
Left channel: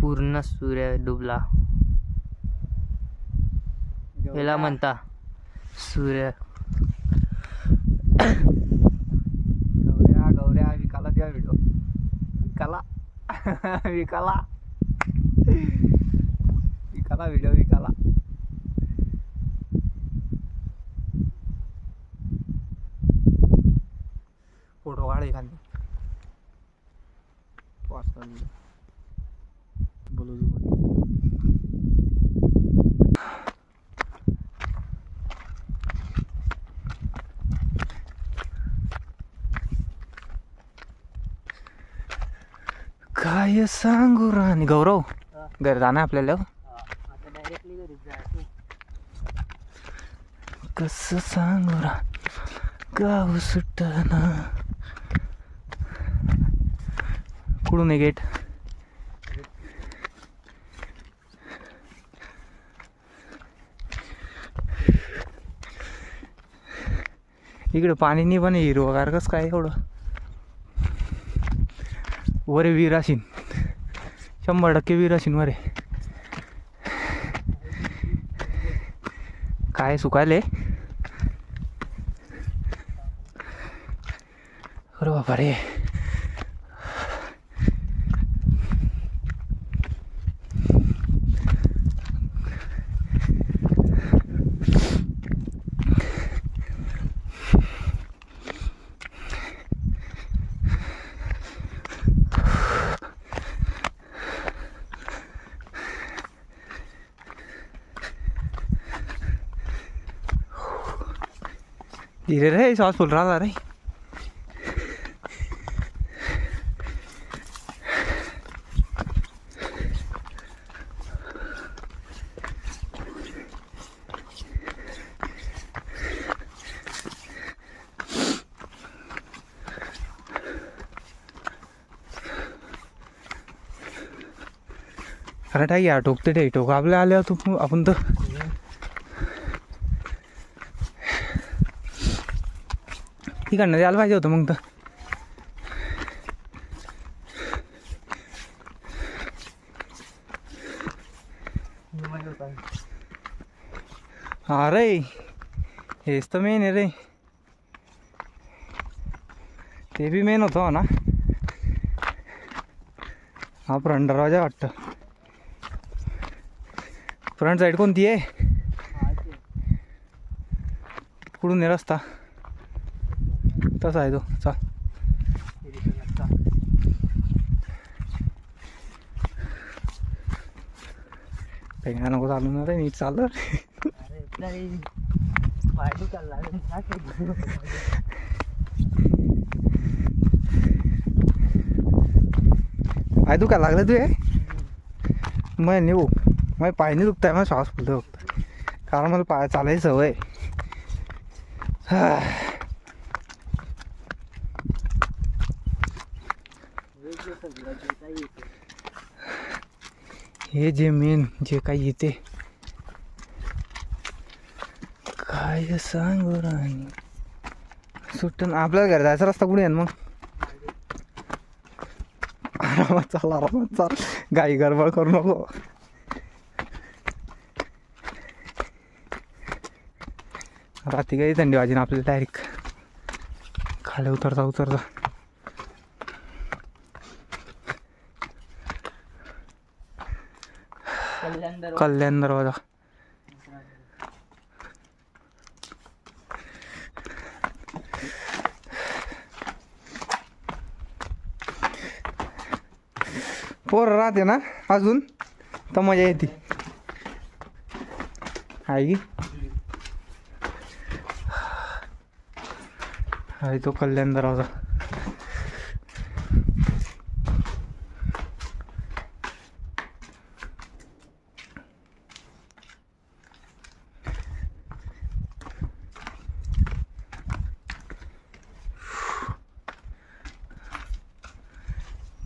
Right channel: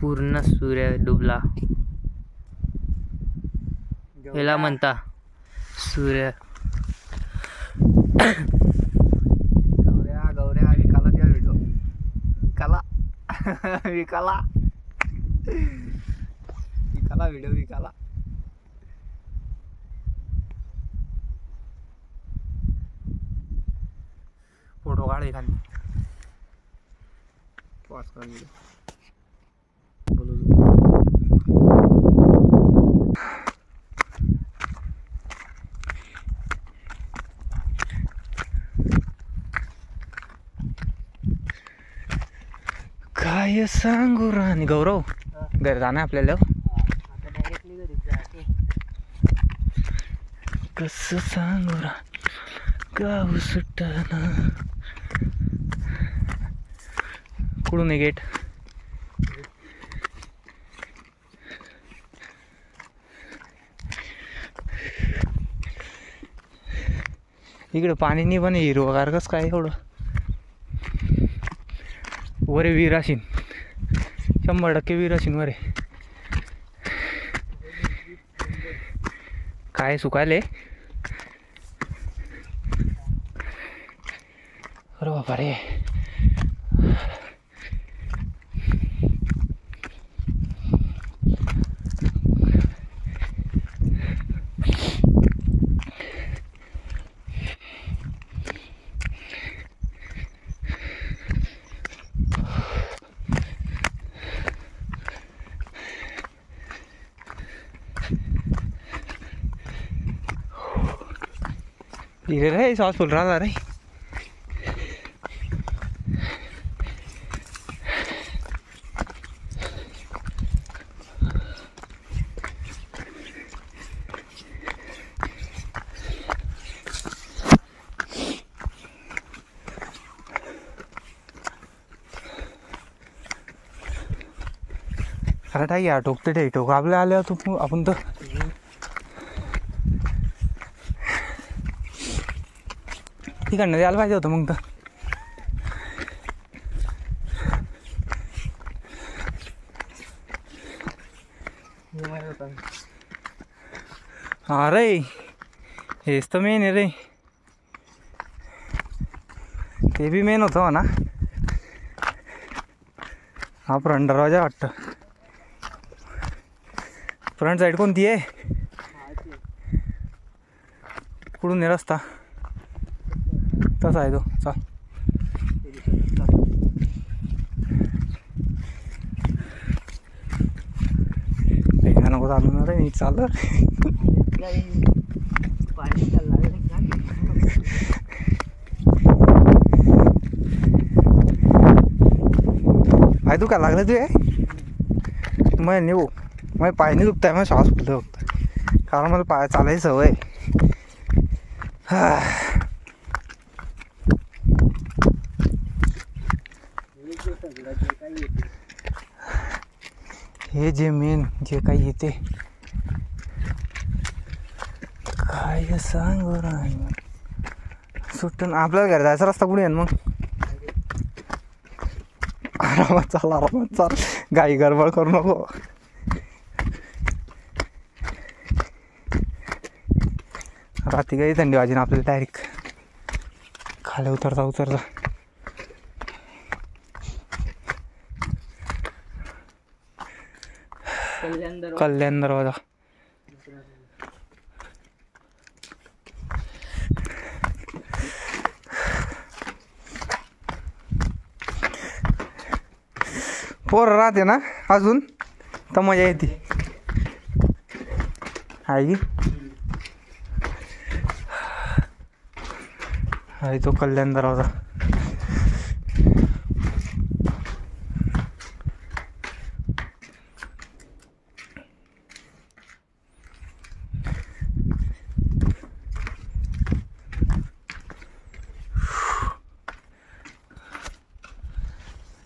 पूर्ण सूर्य डुबला. याला म्हणता सूर्य. गौऱ्या गौऱ्या विकाला त्या व्हिडिओ विकाला विकाला विकाला व्हिडिओ विकाला. फोटो काढ एखादी. पाच कर व्हिडिओ बोलू. काय सांगू राणी. गौरव घरी जाणं आपल्याला. आता डायरेक्टली घरी जायचं. कसं सांगू रा गाव सुटना. कुठून आहे गेट. इकडे पाणी नाही पण हिरवगार कसं काय एवढं. वरे विहीर असेल 100% विहीर असेल वरे. काय सुकायले. अरे बाबा रे. धीरे रे सांस फूल रहा रे. अरे टाक ठोकते ठेक ठोक आपल्या आल्या तू आपण तर. तिकडनं द्यायला पाहिजे होतं मग तो. हा रे हेच तर मेन आहे रे. ते बी मेन होतं ना. हा फ्रंट दरवाजा वाटतं. फ्रंट साईड कोणती आहे. कुठून आहे रस्ता. तसा आहे तो. चाल भेगा नको चालू ना रे. मी चाललं आय दुखा लागलं तू. मग नाही भाऊ माझे पाय नाही दुखत आहे. मग श्वास फुलतो फक्त कारण मला पाय चालायची सवय. हे जे मेन जे काही येते काय सांग सुटून आपल्याला घर जायचा रस्ता कुठे आहे मग. आरामात चाल गाई गडबड करू नको. रात्री काही थंडी वाजी ना आपल्याला डायरेक्ट खाली उतरता. कल्याण दरवाजा. पोर राहते ना अजून तर मजा येते आहे की. आहे तो कल्याण दरवाजा.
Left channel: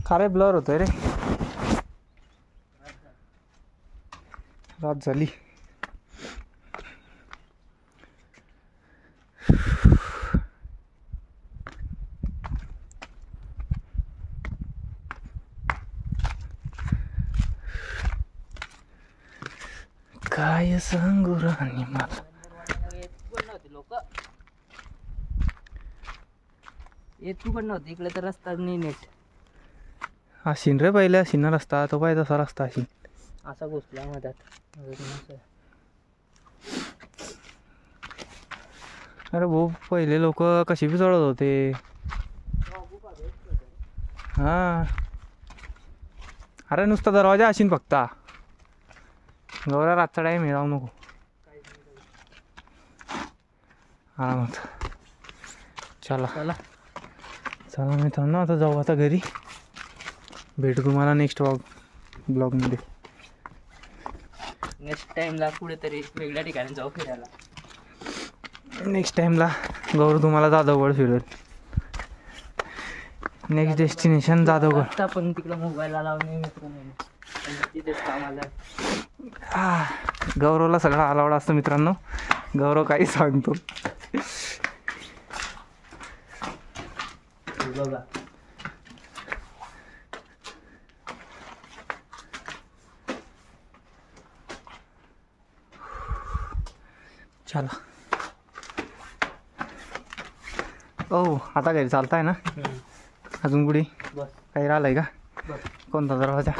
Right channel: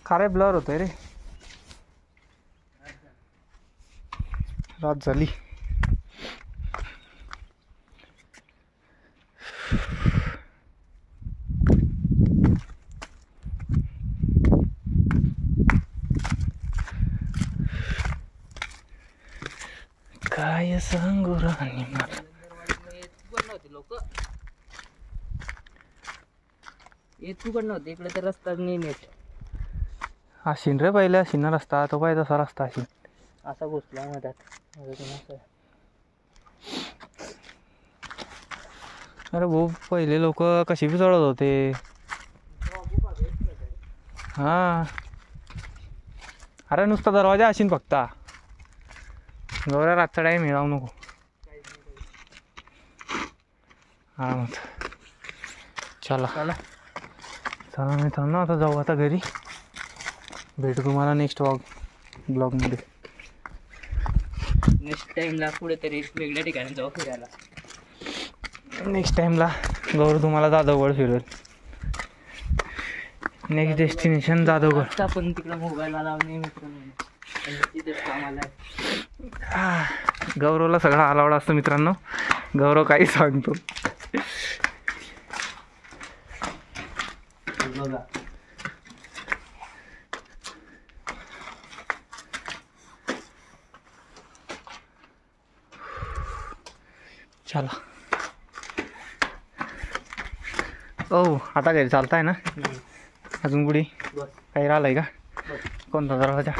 खारे ब्लर होतोय रे. रात झाली. काय सांगू राणी मला. लोक येतकडं नव्हते इकडे तर रस्ता नाही नीट. अशीन रे पहिले अशीन ना रस्ता. तो काय तसा रस्ता असेल असा घुसला मधात. अरे भाऊ पहिले लोक कशी बी चढत होते. हा अरे नुसता दरवाजा असेल फक्त. गौऱ्या रातचा टाईम आहे. राहू नको. हा मग चला चला चला मित्रांनो आता जाऊ आता घरी. भेटू तुम्हाला नेक्स्ट ब्लॉगमध्ये. नेक्स्ट टाइमला कुठेतरी वेगळ्या ठिकाणी जाऊ फिरायला. नेक्स्ट टाईमला गौर तुम्हाला जाधवगड फिरवेल. Next destination Jadhavgad. आपण तिकडं मोबाईलला लावणे मित्रांनो तिथेच कामाला. गौरवला सगळं अलाउड असतं मित्रांनो. गौरव काही सांगतो. बघा चला. ओ आता घरी चालताय ना. अजून कुठे बस काही राहिलंय का. कोणता दरवाजा.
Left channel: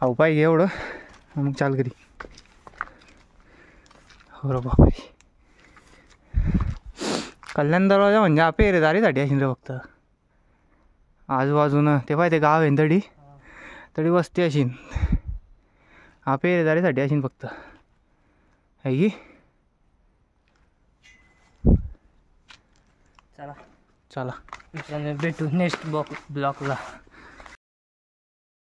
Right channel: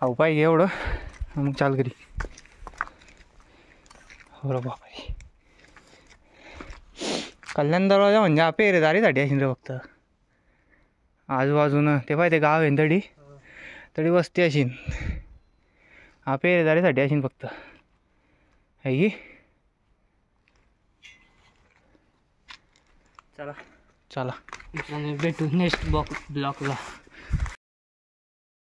अहो पाहिजे एवढं मग चाल घरी. हो रे बापरे. कल्याण दरवाजा म्हणजे पेरेदारीसाठी असेल रे फक्त. आजूबाजूनं ते पाहिजे गाव आहे तडी तडी वस्ती असेल. हा पेरेदारीसाठी असेल फक्त आहे की. चला चला भेटू नेक्स्ट ब्लॉकला.